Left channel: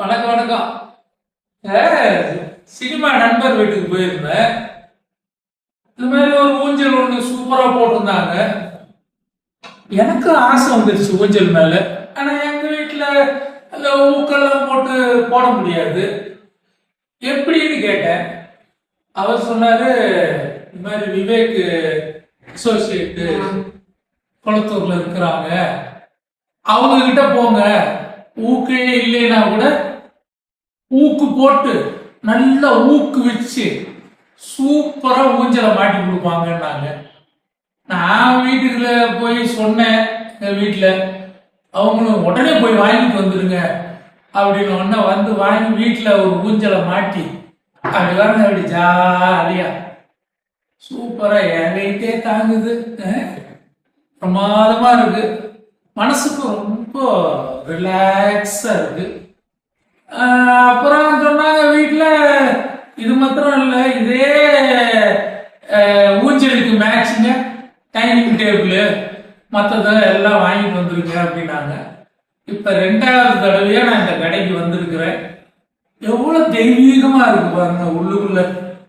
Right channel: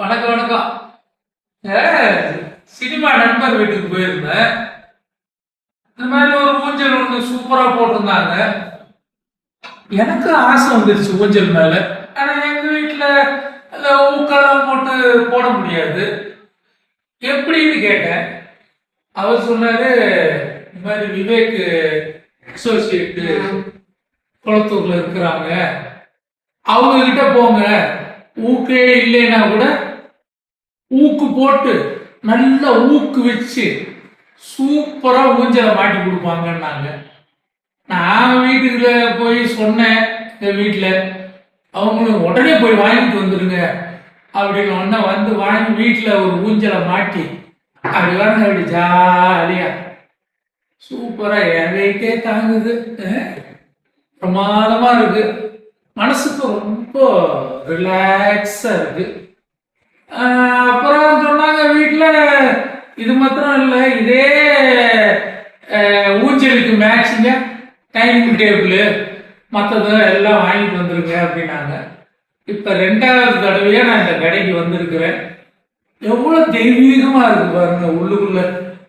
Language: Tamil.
வணக்கம் வணக்கம். சினிமா நண்பர் வீட்டுக்கு போயிருந்தேன். இந்த மாதிரி ஒரு ஊஞ்சல் ஒண்ணு சூப்பரா போட்டிருந்தாங்க. எனக்கு ஆசை வந்துருச்சு ஊஞ்சல் மேல. ஆனா எங்க வீட்டுல அந்த ஊக்கெல்லாம் போட்டு போட முடியாது. எப்படின்னு கேட்டேன். அவர் சொன்னாரு, இந்த மாதிரி விவேக் அசோசியேட் குளத்தூர்ல இருக்கிறாங்க, அவங்க கிட்ட போங்க, ஊக்கே இல்லைன்னா கூட ஊக்கு போட்டு நல்லா ஊக்கு வச்சு சூப்பரா ஊஞ்சலை மாட்டி கொடுப்பாங்கன்னாங்க. நான் வீட்டுக்குள்ள போய் சொன்னேன். என் வீட்டுல அவங்களும் உடனே போய் வாங்கிட்டு வந்துருங்க அப்படின்னு ஒன்ன வந்து வாங்கி வீட்டுல ஒரு ஊஞ்சலை மாட்டி அப்படி வாங்க, அப்படி ஜாலியா சூப்பரா எதைக்கே தாங்குது. பிரமாதமா இருக்கு. மனசுக்கு ரொம்ப ரிலாக்ஸா இருக்கு. அப்புறம் சொன்னாங்க வீட்டுல இது மாத்திரம் இல்லை, இதே ஊஞ்சலுக்கு மேட்சிங்க டைனிங் டேபிள் மற்றதெல்லாம் எல்லாம் வாங்கிட்டு வந்துருங்க அப்படின்னாங்க. இப்ப 2வது தடவையா நான் இந்த கடைக்கு வந்திருக்கிறேன். எவ்வளவு தெய்வீகமா இருக்கு பாருங்க உள்ளுக்குள்ள.